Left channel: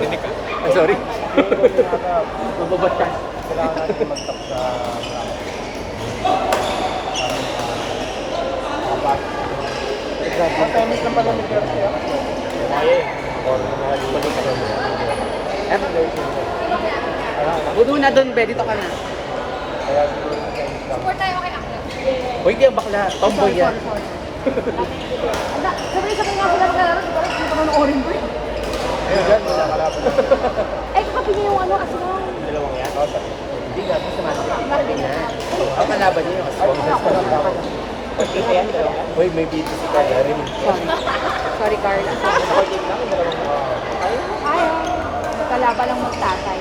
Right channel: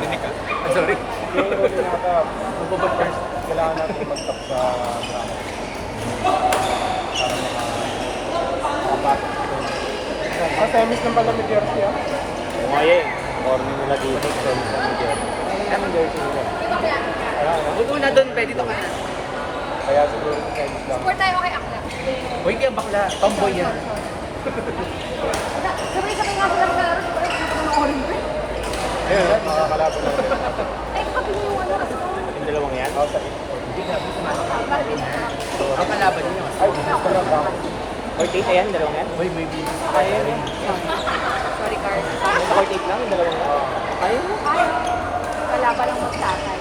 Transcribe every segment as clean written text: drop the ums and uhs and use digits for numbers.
Rinig ka. Ay, sorry. Mababatas. Buto na dun, be. Dito ka na. Uy, di ang bakla. Tomboy yan. Sabay-sabay nga pala ka lang. Hindi ko naman orin mo. Ay, kapili yung ano kasi yun. Hindi nga, gusto natin. Ang kalaban niyo kasi. Uy, may video sila. Sorry, Carla. Ay, wala pa lang magtatay.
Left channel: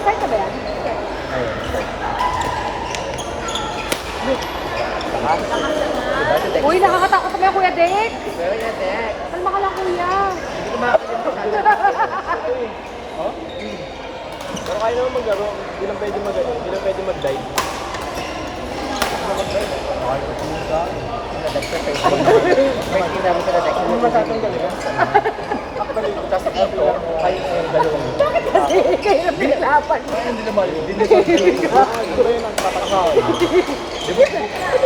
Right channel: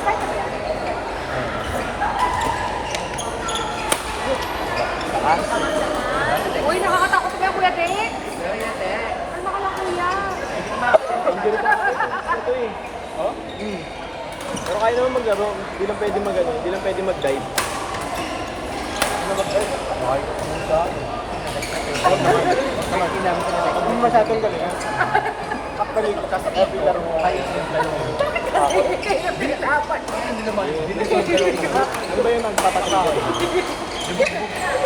Start ka ba yan? Uy, nakakatakot ka Kuya Dek. Kalma ka lang, Kuya. Kaya naman mag-ano, hindi lang pwede mag-ano, hindi lang pwede mag-dive. May ginamit sa lalaki. Ano masabi ko? Tapos ako, kayo yung dalawang. Bakit kasi kayo na pinalapan? Hindi naman. Hindi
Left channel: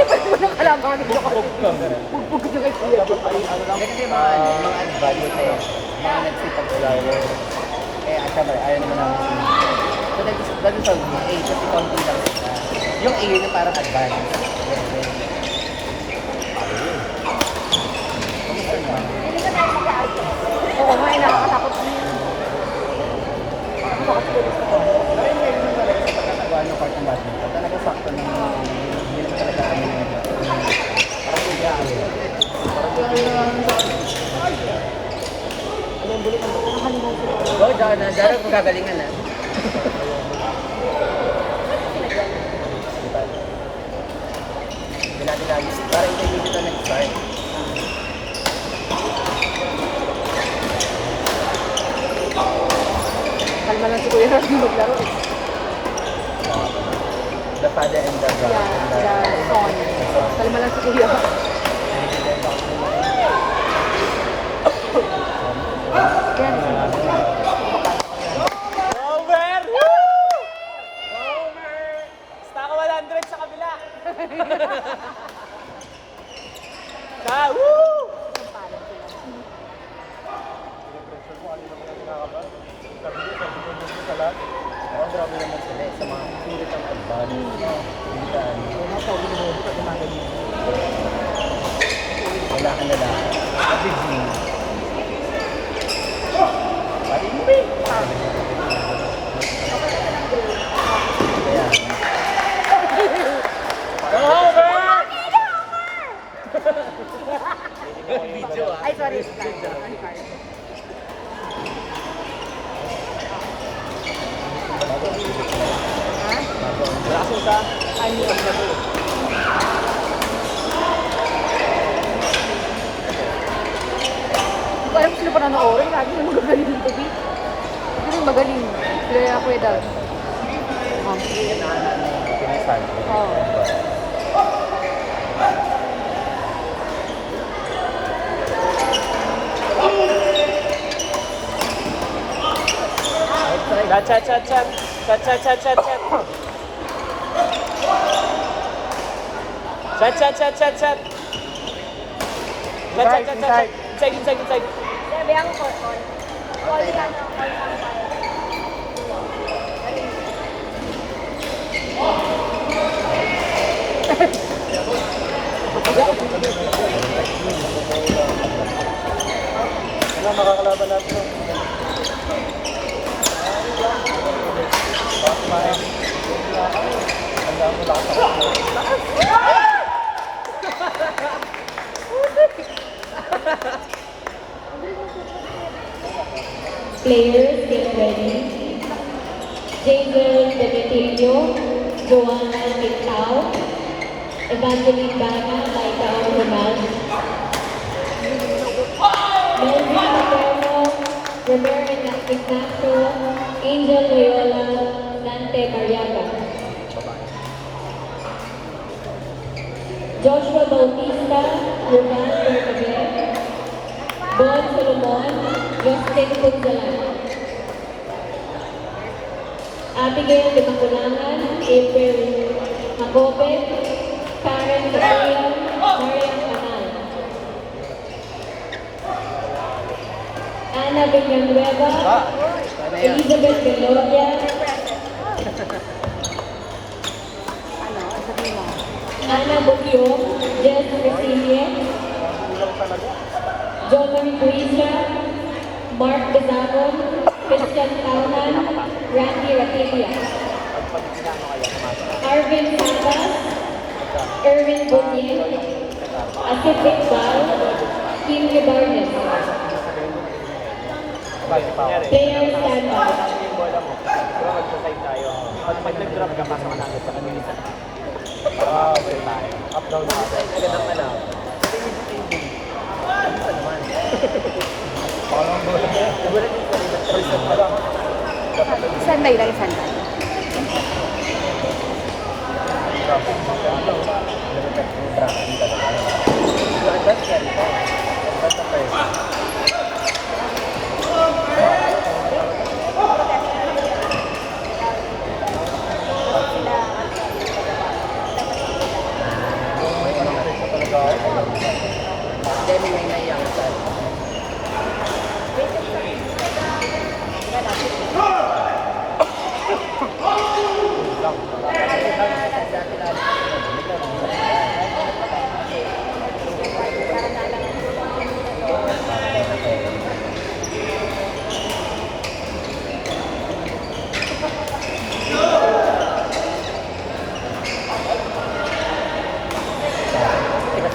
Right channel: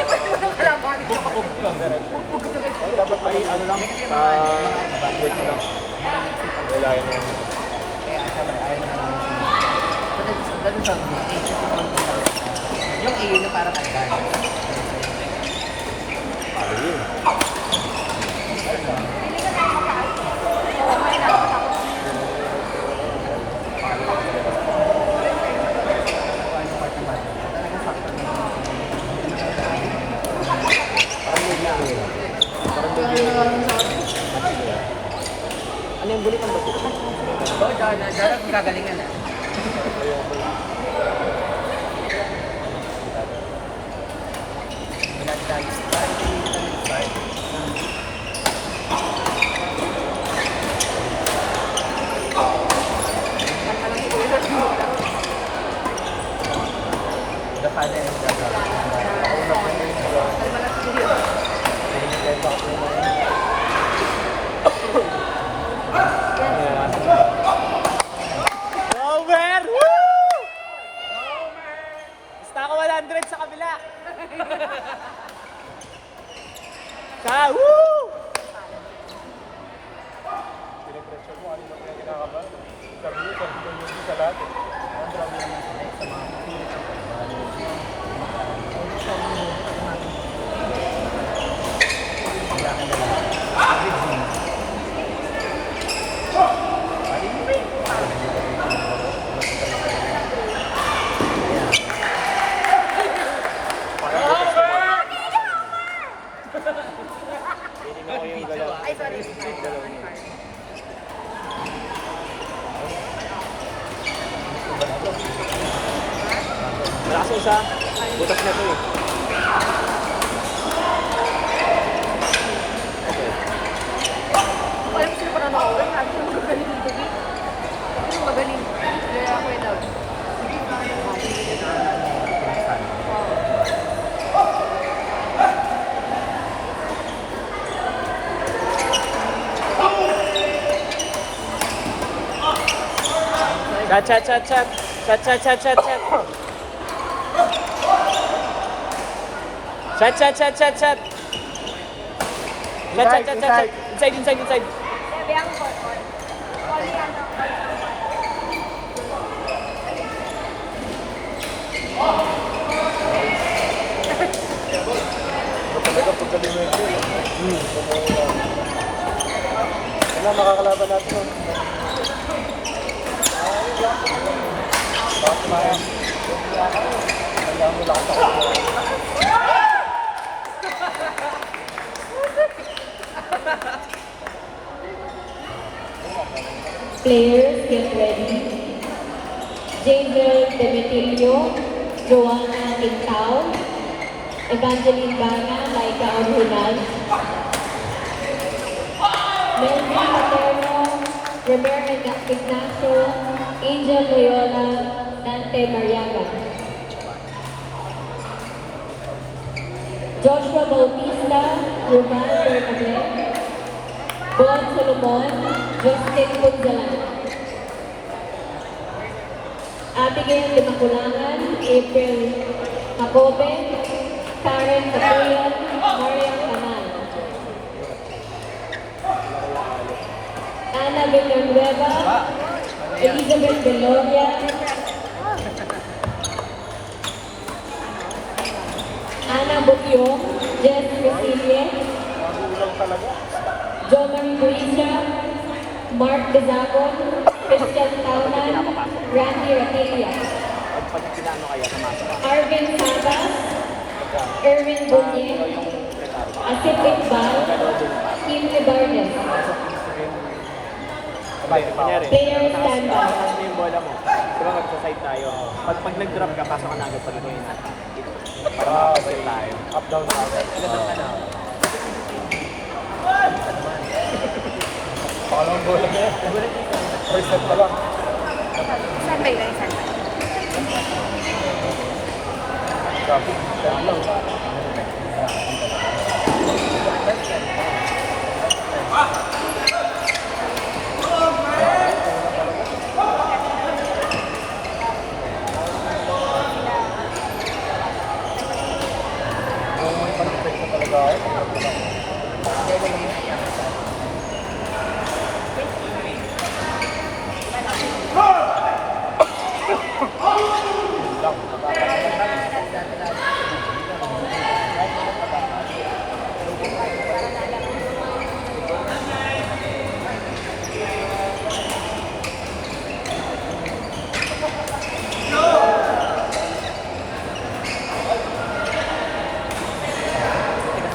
pa naman ang kalaman ko ako. Bugbog ko na Kuya Dek. Kasi mga value na eh. Mga nagsipag ko yun. Kaya asa ba, ayaw na naman siya. So, dahil sa A, kasi yung A na parang advantage. Oo, may nakakatakot na yun. Dahil kung gagalingan na. Wala na tayo. Parang hindi dito na nag-start. Kalma lang si Kuya Rafi maglaro. The father and the brother. Kalma lang si Kuya. Over! Stock 100 sa kabila! Siya, woo! Wala ka nila. Ay, sorry. Parang sila pa nanoorin. Lagi mo magaling dito, Vic. Hindi mo magaling. Kaya na Kuya Dal. Chat, chat, chat. Chat, chat, chat, chat, chat. Chat, chat, chat, chat, chat. Chat, chat, chat, chat. Inside, inside, inside. Sabi ako po. Sorry yan. Players get ready. Jason Demeterio, Joanna Quintao, Evangeline Bana, Ikaw Hunan, Melvin Paterno, Roberta Ignacio, Angel Loyola, Nante Doriaga, Joshua Bautista, Roman Bergame, Justin Punzalan. Abigail Timagulangan, April Tacobe, Karen Taylor, Marian Canan. Ana Villanueva, Elizabeth Belodia, Ana Bukion, Jess Cecilie, Joey Luisa, Mark Pizarro, Christian Calman, Randy Raquelia, Arvin Santos, Erwin Bonnier, Asif Iqbal, Kim Libarnes, Taylor Sanders, Nag-drop ka ba? Agad ang alam. Saan ba ilang isang ba? Dahil may naiyak sa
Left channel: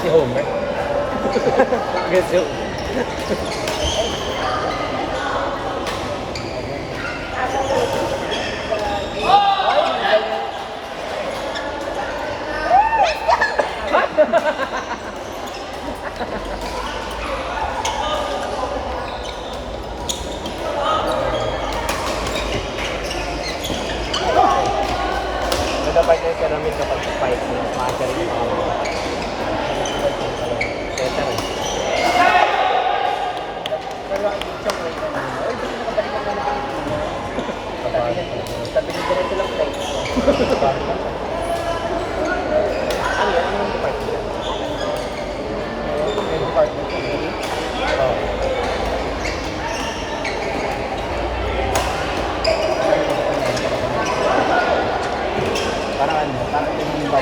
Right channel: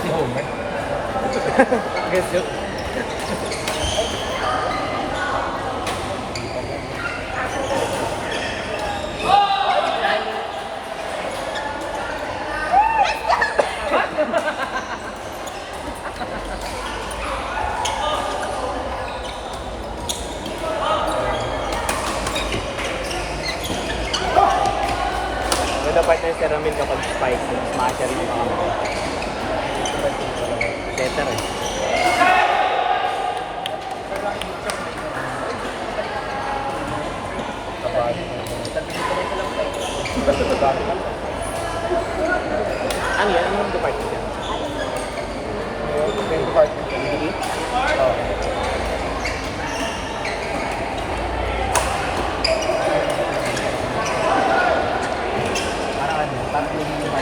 si Homer. Gusto. Wala pa tayo sa ramin na pag-spike sa mga charity. Sabi nito na sila flight. Parang hindi ba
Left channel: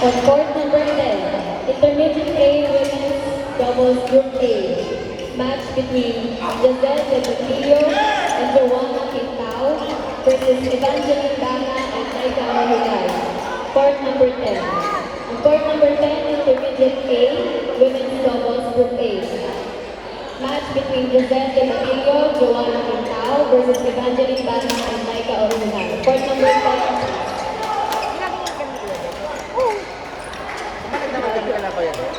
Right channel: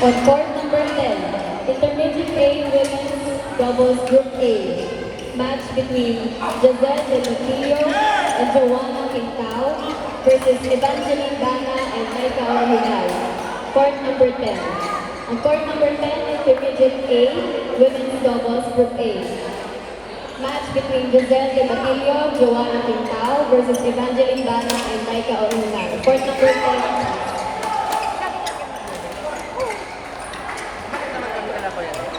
On court number 10, Intermediate A Women's Doubles Group A. Match between Giselle Delgado and Joanna Quincao versus Evangeline Bana and Nika Mahulay. Court number 10. On court number 10, Intermediate A Women's Doubles Group A. Match between Giselle Delgado, Joanna Quincao versus Evangeline Bana and Nika Mahulay. Court number 10.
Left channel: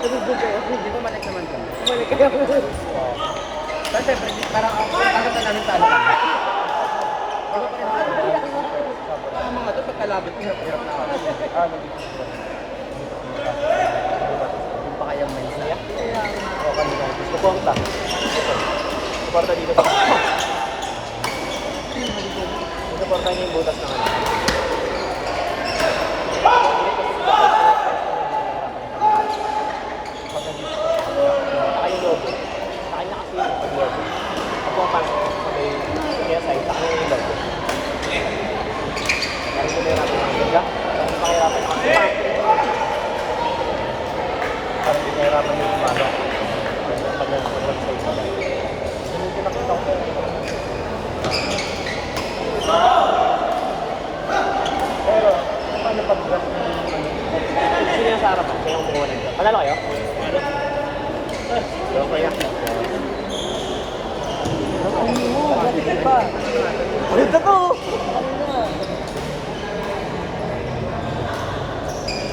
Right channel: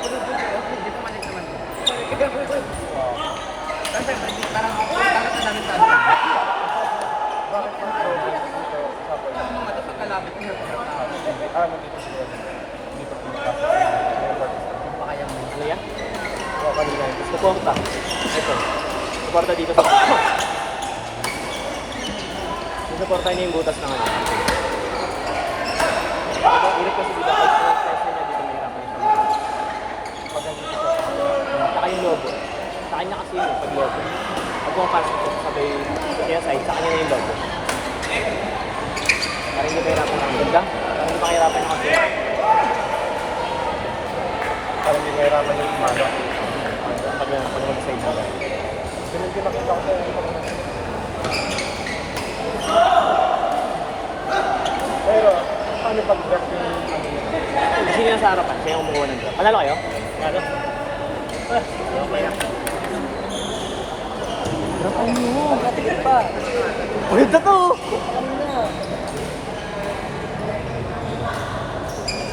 Dito malik naman doon. Kasi parang ako na namin talo. Ito sa kalabit niya. Pa kaya mo yun? Punta dito sa pupunta niya yung butas naman.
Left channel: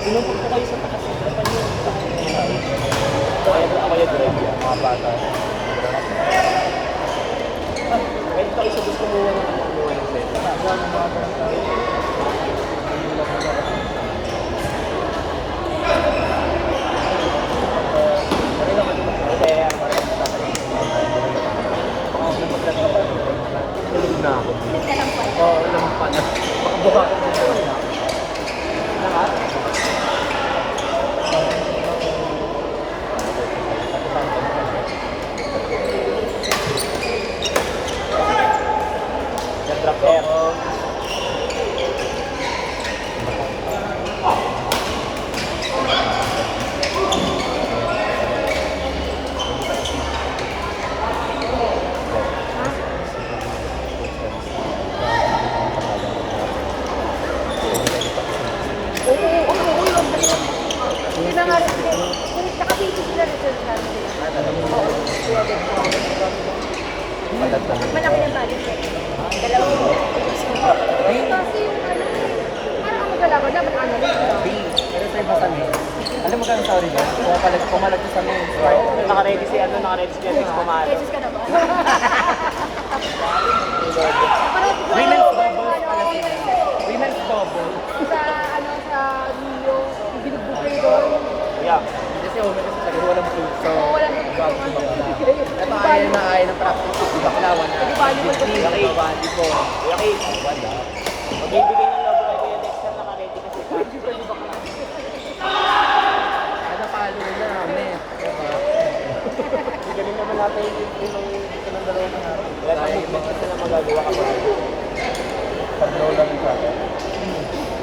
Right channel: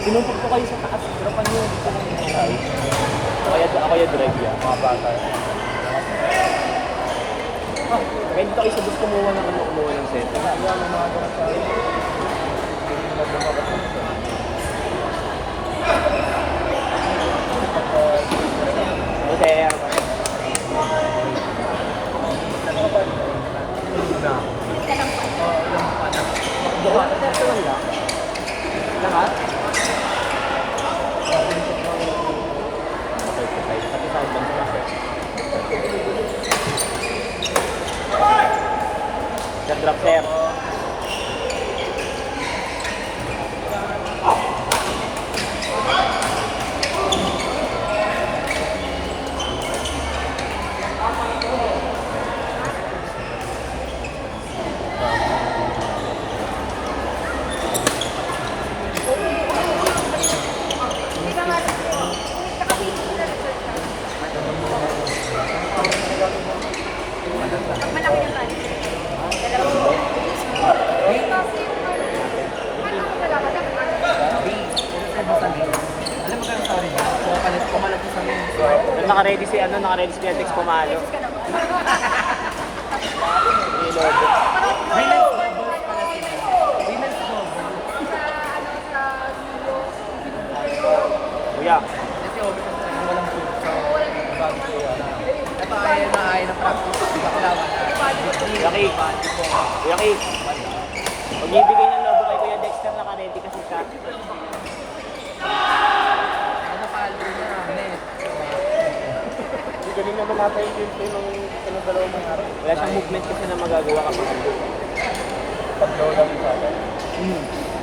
Pinunta ko kayo sa taas. Harapan nyo. Ito, ito na kayo diretso. Kahit kayo sa gusto mo lang ng set. Hindi na nga. Nakabiti sila na sa malaki yung bali. Dalawang kasi yung ano yung dalawa dapat ano. Alam mo kang sorry ba? Pumalag sa mga start. Naka-ready si ano, naka-ready si Felix kumain. Jesus ka na. Winners double para sila. Winners double. Sa ano sa Rio, ibinubukol ko. Yeah. Kasi sabi walang food sa Walang ito ayaw na practice. Di ba kalawan? Okay. Okay. Ibibigay na lang ako kay Kuya Dexter naka-ready kasi Ano talo na kami? Last movement kasi na nagagawa.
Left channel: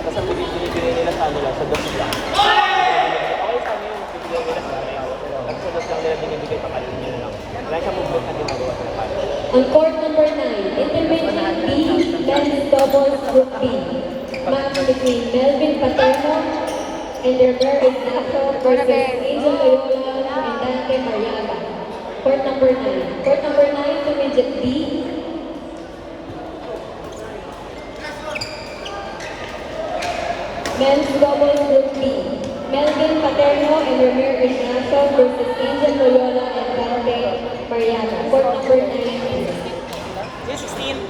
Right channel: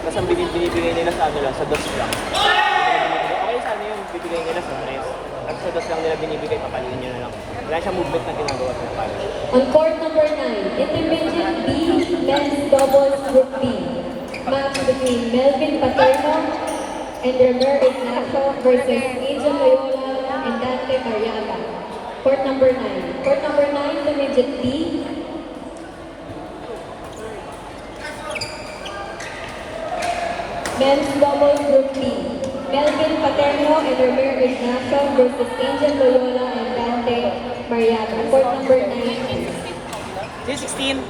Tapos ang binibigay nila sa kanila sa boss nila. Guys, ano yung bibigay nila sa kanila? Sa boss nila binibigay sa kanila. Wala siya movement na ginagawa. On court number 9, Intermediate B, men's doubles group B. Match between Melvin Paterno and their Mervin Nacho versus Angel Loyola and Dante Mariano. Court number 9. Court number 9, Intermediate B. Men's doubles group B. Melvin Paterno and their Mervin Nacho versus Angel Loyola and Dante Mariano. Court number 9. 16.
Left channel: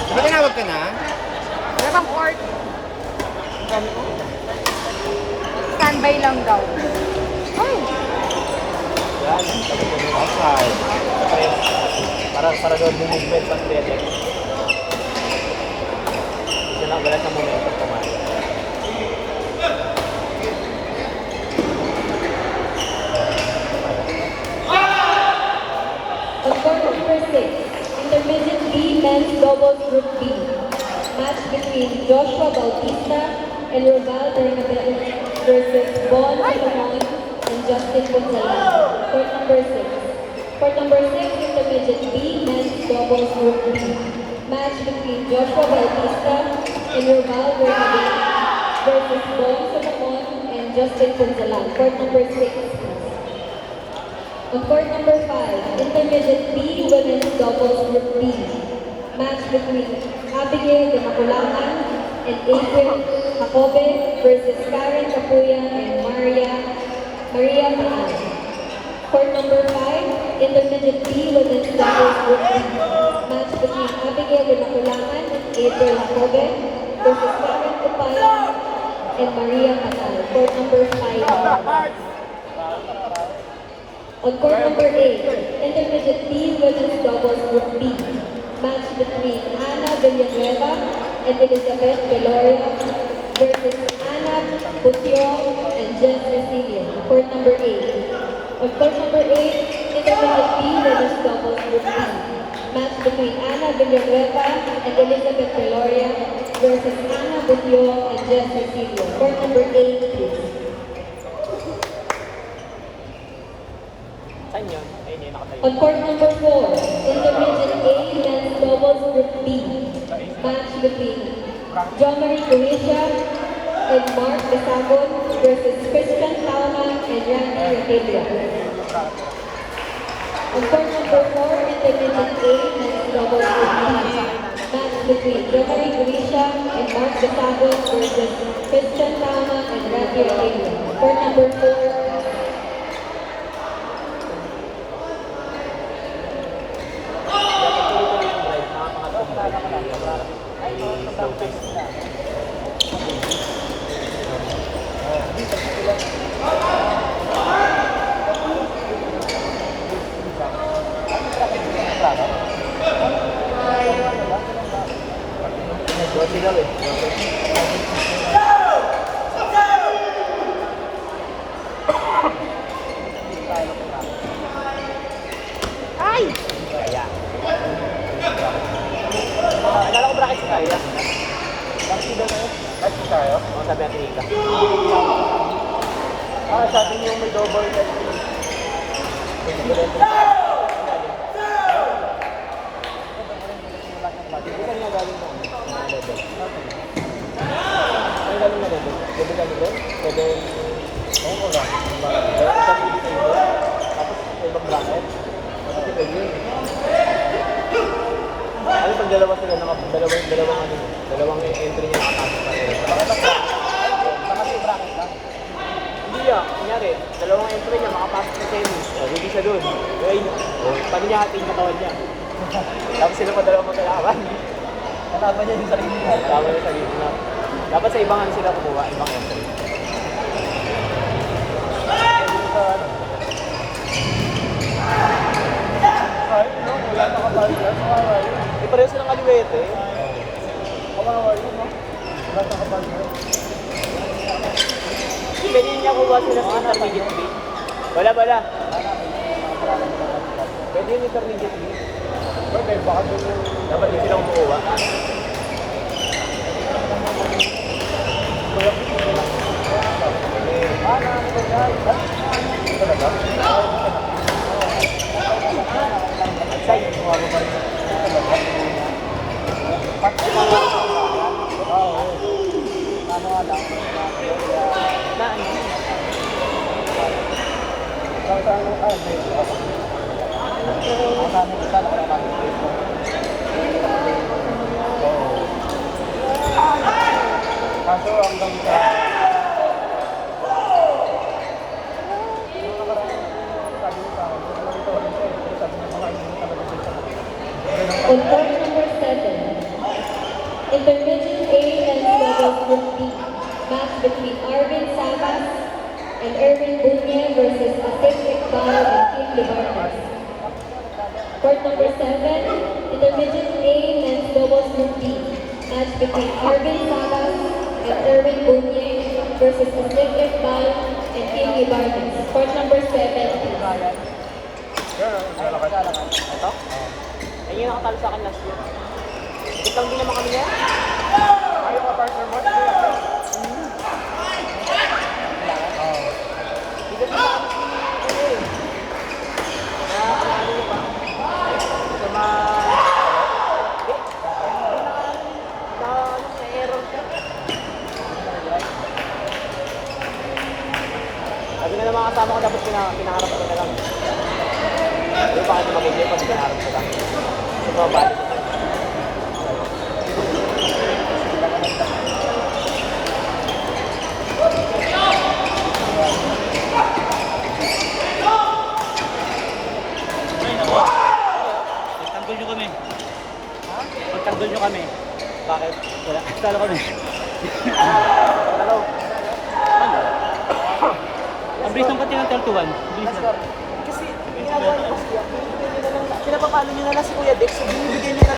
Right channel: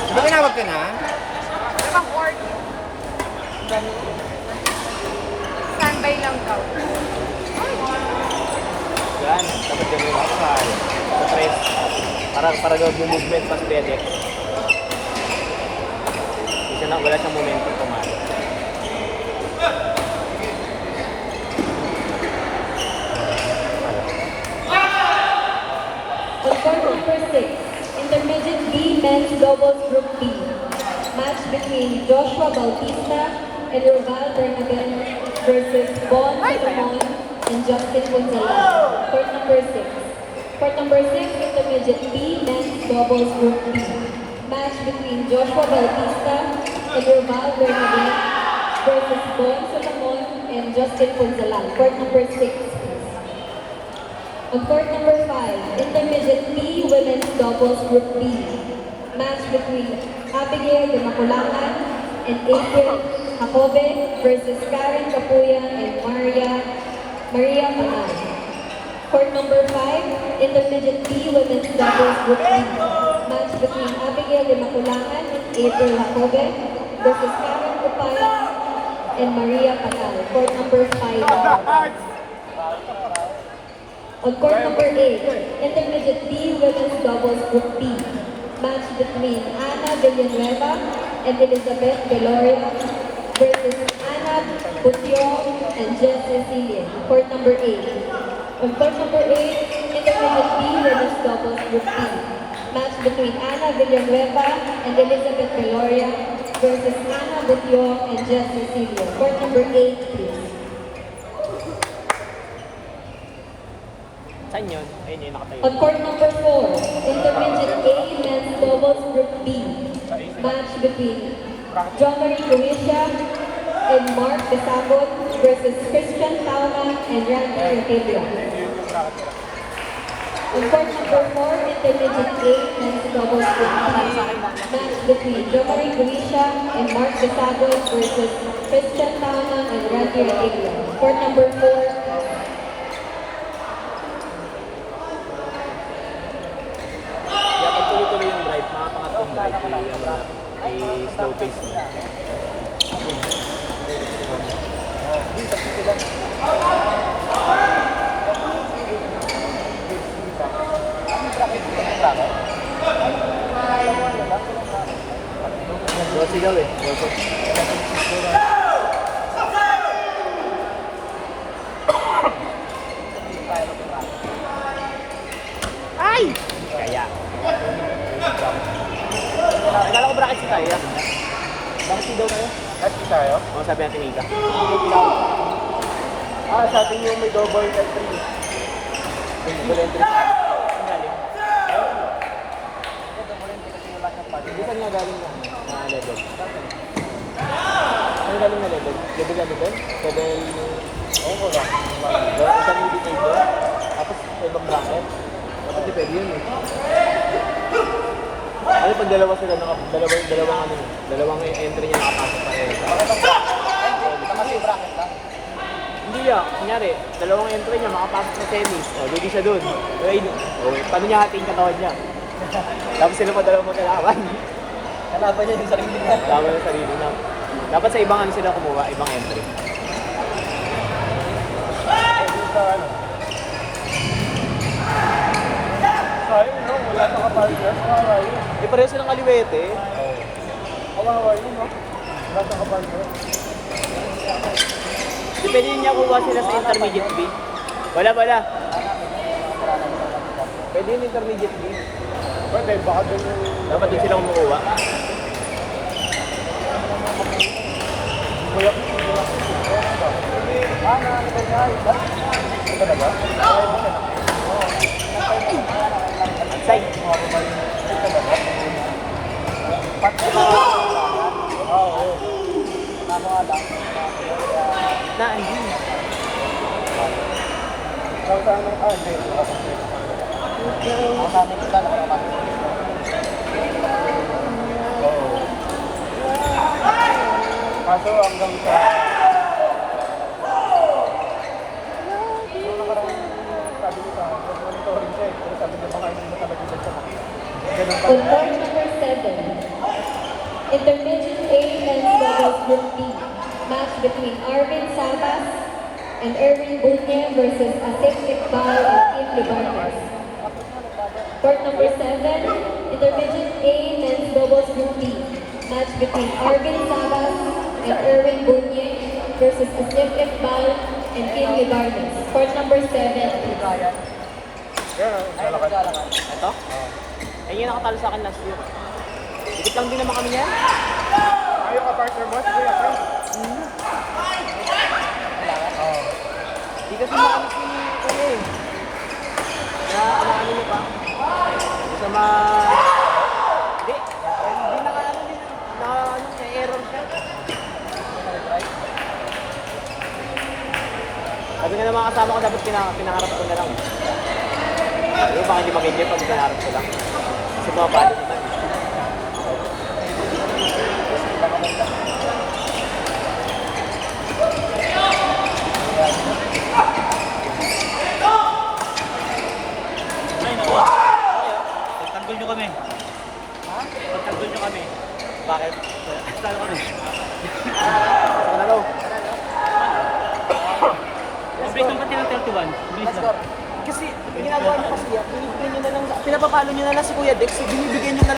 Di ba tinawag ka na? Walang order. Standby lang daw. Ay, Okay. Para loob yung movement sa FedEx. Kasi nang wala siyang momentum. On court number 6, Intermediate B men's doubles group B. Match between Joshua Bautista and Raval Bernabel versus Bon Solomon and Justin Gonzalez. Court number 6. Court number 6, Intermediate B men's doubles group B. Match between Joshua Bautista and Raval Bernabel versus Bon Solomon and Justin Gonzalez. Court number 6. On court number 5, Intermediate B women's doubles group B. Match between Abigail de Maculata and April Jacobe versus Karen Capuya and Maria Paano. Court number 5, Intermediate B women's doubles group B. Match between Abigail de Maculata and April Jacobe versus Karen Capuya and Maria Paano. Court number 5. On court number 8, Intermediate B women's doubles group B. Match between Ana Villanueva and Elizabeth Veloria versus Ana Gutierrez and Jess Cecilia. Court number 8. On court number 8, Intermediate B women's doubles group B. Match between Ana Villanueva and Elizabeth Veloria versus Ana Gutierrez and Jess Cecilia. Court number 8, please. On court number 4, Intermediate A men's doubles group B. Match between Jean-Marie Croatia and Mark Gasabon versus Christian Tama and Randy Raquetia. On court number 4, Intermediate A men's doubles group B. Match between Jean-Marie Croatia and Mark Gasabon versus Christian Tama and Randy Raquetia. Court number 4. Slow pace. Sigaw eh. Ay! Kaya. Alam ko bakit sa kaya. Sa Betty. Sa atin yung may double tap. Ano kung dalawa sila na? Dalawang entry niya. Hindi niya, kunyari, dalawang entry niya, makapasok sa tennis. Hindi siya doon. Right? Paano niya ating yung tawad niya? Tapos sila pa dalawang matalakan. Kalaban niya din sa sarili niya. Dapat sa ibang ano sila kumuha, ibang entry. Di pa rin silang kaliwete. Pwede niya kuha sila sa intermediate B. Wala. Pwede yung intermediate B. Dapat din silang kuha. On court number 7, Intermediate A men's doubles group B. Match between Arvin Salas and Erwin Bunya versus Asik Tikbal and Kim Libarnes. Court number 7, Intermediate A men's doubles group B. Match between Arvin Salas and Erwin Bunya versus Asik Tikbal and Kim Libarnes. Court number 7, please. Ayun ang nakatalo sa akin last week. Ikaw din naman kami yan. Pagtanggol nyo kami. Pagtanggol nyo kami. Bakit? Talo kami. Ang bilis ng pati ng 12-1. Bilis lang. Kasi, pinapakano nyo na lang si Kuya Dex, so binibigyan nyo na